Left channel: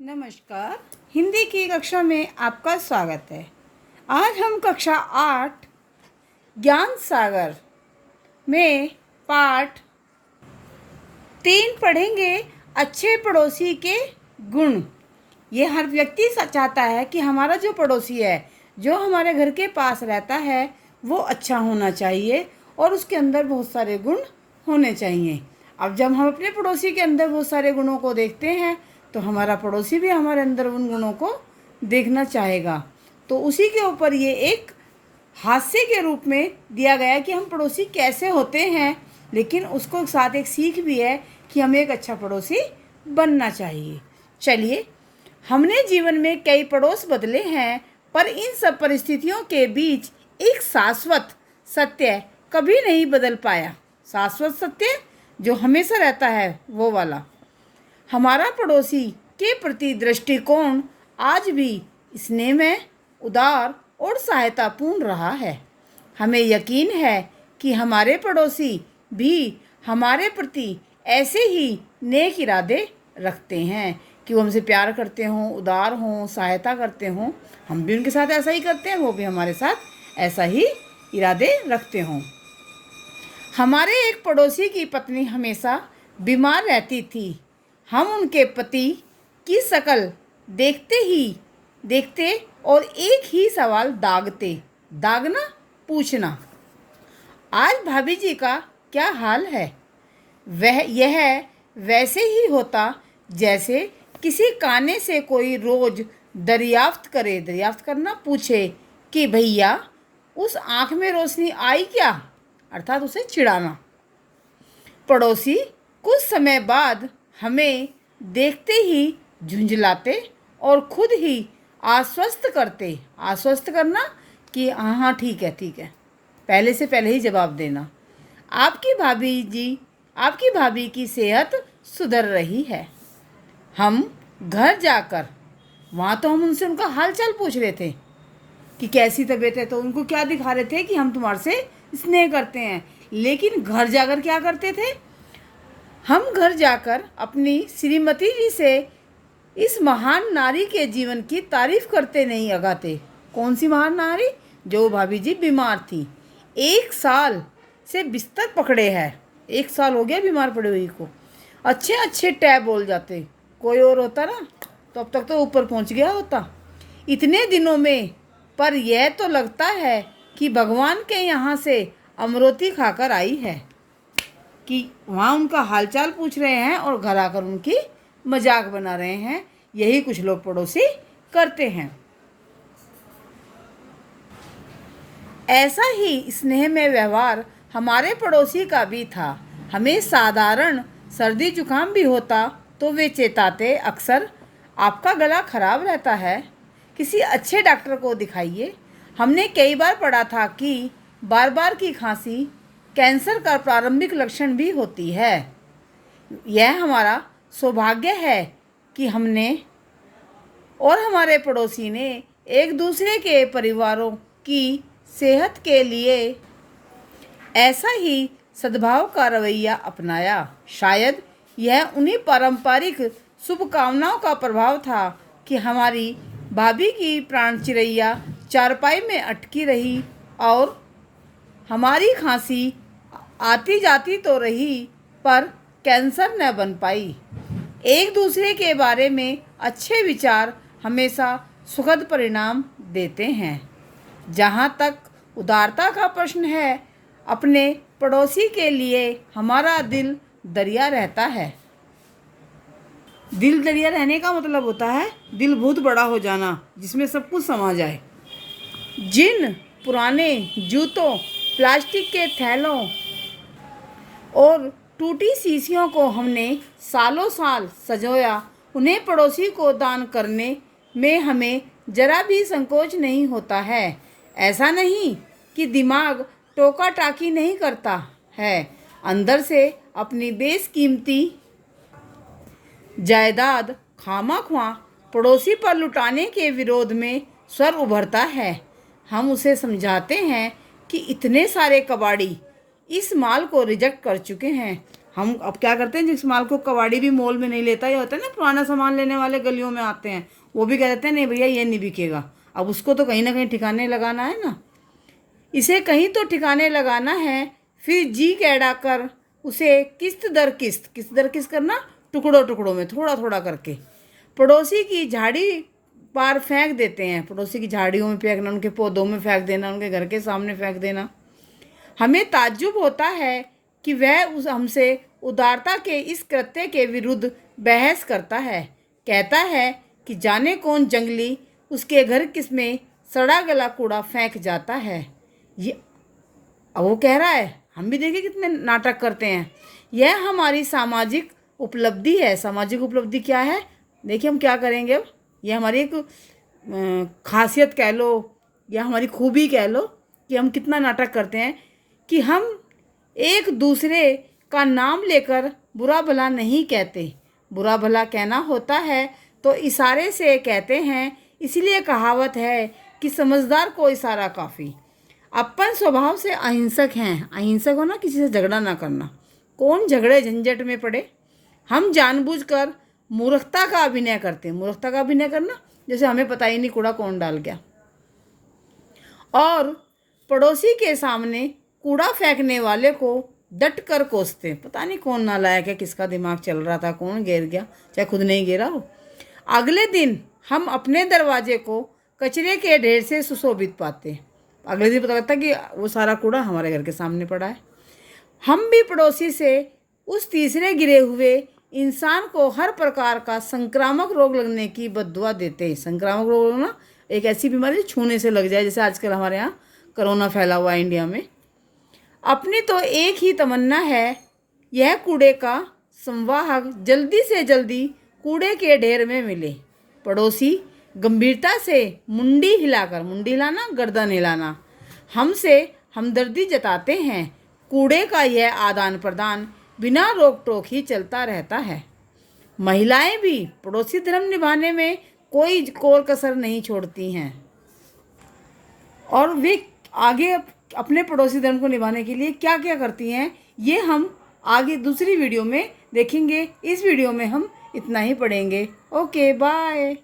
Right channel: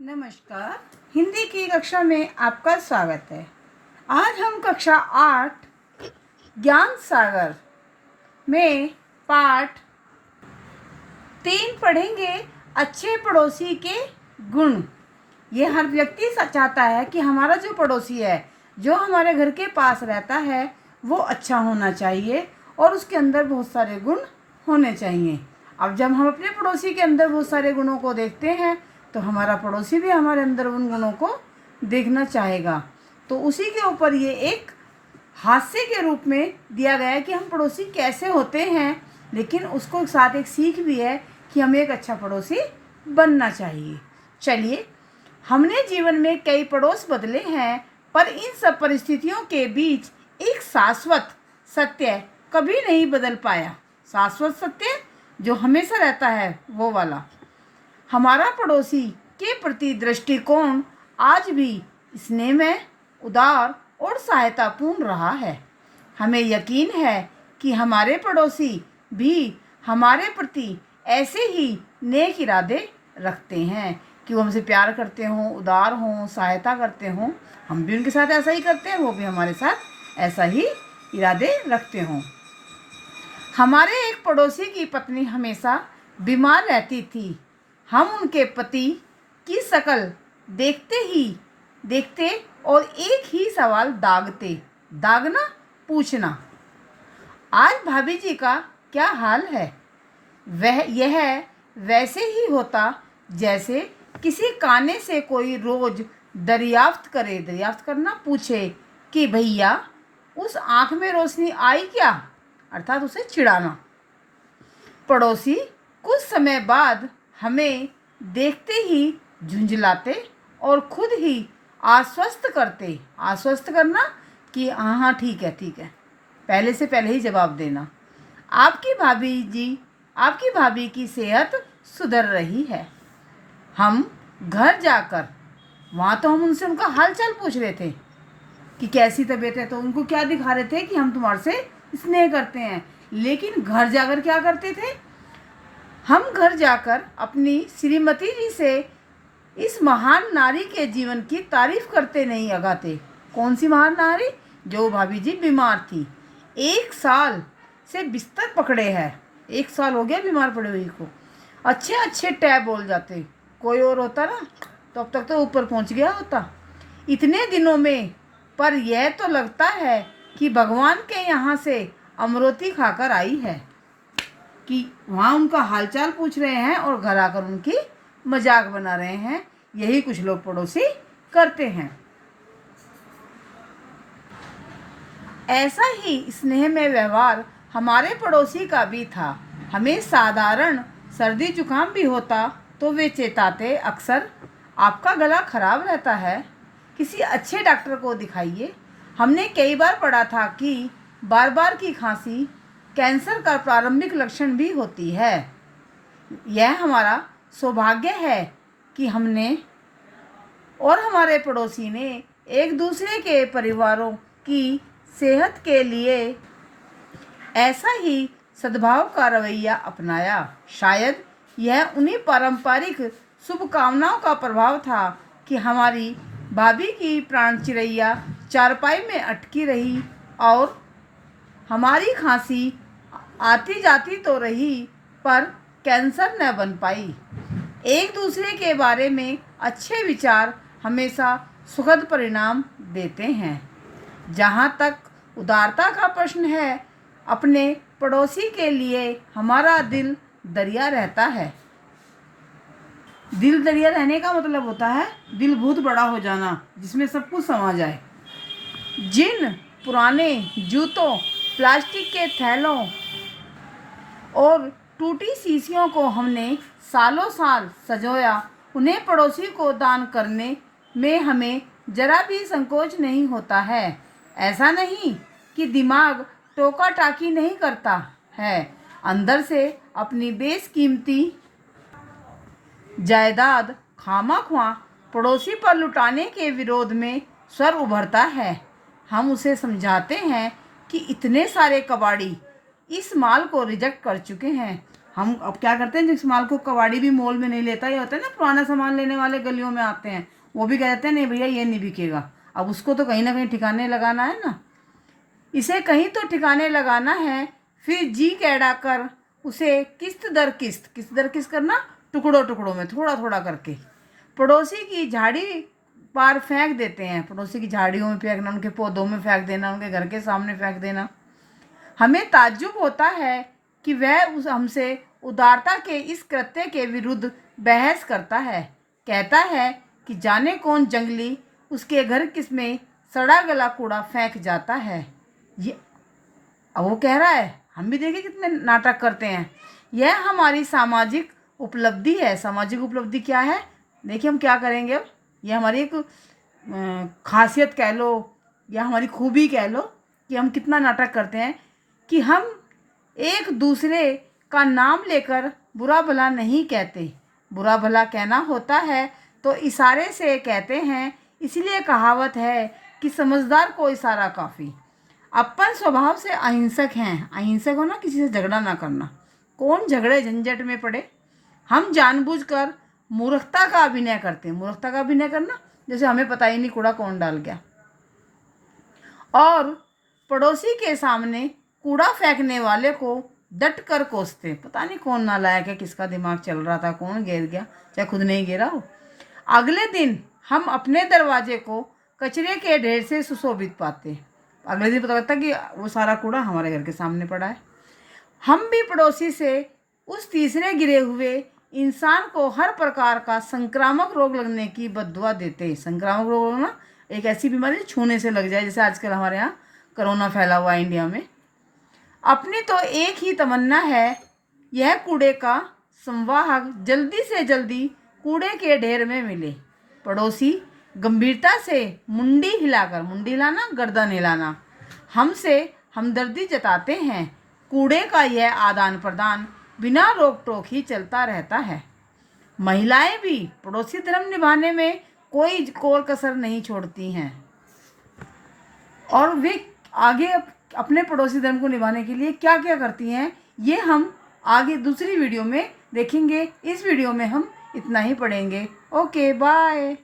नमस्कार। हिंदी की कक्षा में आपका स्वागत है। आज हम कक्षा 8 ज्ञान सागर में पाठ 3 पढ़ेंगे। अच्छे पड़ोसी के गुण। ये हर व्यक्ति चाहता है कि हमारा जो पड़ोसी है, जो हमारे घर के पास रहता है, वो अच्छा होना चाहिए और उसके अंदर बहुत सारे गुण होने चाहिए। अब जब हम अपने पड़ोसी के अंदर बहुत सारे गुणों को देखते हैं तो हमारा पड़ोसी भी हमारे अंदर उन गुणों को देखना चाहेगा। तो उसी के ऊपर ये एक हास्य के रूप में दिया गया है कि हम पड़ोसी कैसे होते हैं, लेकिन उसको साथ एक सीख भी है कि हमें एक अच्छा पड़ोसी बनना चाहिए। चलिए, हमने जीवन में कई पड़ोस बदले हैं, पर इन सब परिस्थितियों के बीच एक शाश्वत सत्य कभी नहीं बदल पाया। शाश्वत सत्य जो हमेशा रहता है, वो वाला। हमारा पड़ोसी के प्रति दृष्टिकोण आज भी स्नेहमय, उदार और सहायतापूर्ण रहा है। हमें यकीन है कि हमारे पड़ोसी भी हमारे प्रति ऐसे ही नेक इरादे रखते हैं कि वो हमसे प्यार करते हों, उदार हों, सहायता करते हों। हम भी उनके साथ ऐसा ही करते हैं, वो भी हमारे साथ ऐसा ही इरादे रखते हों। हमारे एक पड़ोसी की पत्नी हमेशा बीमार रहती थी। हम उनके पति की शक्ल देखते और एक ही सवाल दागना, पूछना, आज भाभी जी का क्या हाल है। यह वैसे ही होता जैसे किसी काने से कोई रोज दरियाफ्त करना, पूछे कि भैया उस आँख में रोशनी आई क्या, अर्थात उसे चिढ़ाना। पड़ोसी कुछ समय बाद हमें देखते ही झुंझलाते और खुद ही आश्वस्त करना कि हाँ ठीक है, पहले ही जवाब देना। आपकी भाभी की सेहत सुधर रही है। हम घर जाकर वहाँ तो हम उनसे उनका हालचाल पूछ रहे थे कि कैसी तबीयत है, तो उनको क्या दिखा रहे थे कि हम तुम्हारे से स्नेह करते हैं। लेकिन घर जाकर क्या करते थे, हम घर जाकर अपनी श्रीमती जी से इस महान नारी के जीवन की तारीफ करते नहीं अगाते। कौन सी महान नारी? जो भाभी जी बीमार थी, 1 साल से बिस्तर पकड़े है। 1 साल हो गया बीमार पड़े हुई को। अच्छे टैब बोल जाते, कोई और होता ना तो अब तक तो ऊपर पहुंच गया होता इतने दिनों में। पर यह तो लगता है कि भगवान के यहाँ से अमरोती खाकर आई है, कि वहाँ उनका हालचाल पूछ रहे हैं और घर आकर उनकी मजाक बना रहे हैं। यही कुछ लोग पड़ोसी करते हैं। ऐसा ही स्नेह में व्यवहार हमारे पड़ोसी का भी था। हमें साधारण सर्दी जुकाम भी होता तो वे चेताते, अक्सर आपका गला खराब रहता है, किसी अच्छे डॉक्टर को दिखाइए। हमने कई बार पढ़ा था कि बार की खांसी कैंसर का प्रारंभिक लक्षण भी होती है। यह हमारा सौभाग्य है कि हमने और हमारे पड़ोसी ने एक दूसरे के परिवारों की सेहत के लिए ऐसा ही सद्भाव का रवैया अपनाया। शायद यह उन्हीं पारंपरिक शुभकामनाओं का प्रभाव था कि हमारी भाभी की प्राण चिरैया चारपाई में अटकी रही और हमारी खांसी आती जाती तो रही, पर कैंसर न बन पाई। एक दूसरे के बारे में अच्छे विचार हमेशा सुखद परिणाम देते हैं। जहाँ तक उदारता का प्रश्न है, अपने पड़ोसी के लिए हमारा दिल दरिया रहता है। दिल दरिया रहने का मतलब होता है दिल बहुत बड़ा हो जाना, जिसमें सब कुछ समा जाए। जिन पुराने जूतों, प्लास्टिक के थैलों और टूटी शीशियों को हमने सालों साल सजोया, उन्हें पड़ोसी को दान करने में हमें जरा भी संकोच नहीं होता है। ऐसा नहीं कि दिमाग टोका टाकी नहीं करता है, अंदर से अपनी बेशकीमती जायदाद खामाख्वा पड़ोसी पर लुटाने के विरोध में स्वर उभरता है। हम उसे समझाते हैं कि इतने सारे कबाड़ी इस माल को रिजेक्ट कर चुके हैं, हम अब क्या करते हैं, जिस माल को कबाड़ी भी मोल में नहीं लेता, ये होता है ना पुराना सामान लेने वाले गलियों में आते हैं, वो भी कह देते हैं नहीं भैया ये नहीं बिकेगा। अब उसको तो कहीं ना कहीं ठिकाने लगाना है ना, इसे कहीं तो ठिकाने लगाना है। फिर जी कैड़ा कर उसे किस्त दर किस्त करना, टुकड़ों टुकड़ों में थोड़ा थोड़ा करके पड़ोसी की झाड़ी पार फेंक देते हैं। पड़ोसी की झाड़ियों में फेंकना, उनके पौधों में फेंक देना, उनके घर के सामने फेंक देना। हमें ताज्जुब होता है कि वह उस हमसे उदारता के इस कृत्य के विरुद्ध बहस करता है। कहता है कि जाने कौन जंगली उसके घर किसमें सड़ा गला कूड़ा फेंक जाता है। ये अब वो कह रहा है, हम भी देखिए कितने नाटक करते हैं। यह हमारी सामाजिक उपलब्धि है। सामाजिक उपलब्धि क्या है, देखिए हम क्या करेंगे अब। यह हमारी एक खासियत कह लो या हमारी खूबी कह लो कि हम कितना नाटक करते हैं कि हम एक दूसरे का नाम लेकर बुरा भला नहीं कहते। बुरा भला कहना होता है तो इशारे से कहते हैं, इसलिए कहावत है कि समझदार को इशारा काफ़ी। अपन स्वभाव से अहिंसक हैं। अहिंसक हो ना, किसी से झगड़ा ना करना। कौन झगड़े झंझट में पड़े। हम जानबूझकर मूर्खता का अभिनय करते हैं। मूर्खता का अभिनय करना, जैसे हमें पता ही नहीं कूड़ा कौन डाल गया। और पड़ोसी के सामने कूड़ा फेंकने वाले को डट कर कोसते। पता नहीं कौन नालायक है, किसका दिमाग चल रहा था, कौन गिर गया, चाहे खुद नहीं गिरा हो। अगले दिन हम अपने दरवाजे को कचरे के ढेर से सुशोभित पाते। अगले दिन पता लगता कि वो सारा कूड़ा हमारे घर के सामने पड़ा है। हम भी पड़ोसी से उस तीसरे गिरे हुए इंसान को हर प्रकार का संक्रामक रोग लगने की बद्दुआ देते हैं। संक्रामक रोग ना एक ऐसी बीमारी छूने से लग जाए, जैसे आजकल हमारे यहाँ कोरोना फैला हुआ है इंडिया में। अपनी तो एक ही तमन्ना है, यह कूड़े का संवाहक जल्दी से जल्दी कूड़े के ढेर में मिले। पड़ोसी गंभीरता से मुंडी हिलाकर, मुंडी हिलाना गर्दन हिलाना, हमसे हमदर्दी जताते हैं। कूड़े का यह आदान प्रदान बिना रोक टोक ही चलता रहता है। महिलाएं भी पड़ोसी धर्म निभाने में कोई कोर कसर नहीं छोड़ती हैं और वे आगे अपने पड़ोसी धर्म को निभाने के लिए क्या क्या करती हैं, ये हम आगे दूसरी वीडियो में देखेंगे। इस वीडियो में हम इतना ही पढ़ेंगे। Okay bye.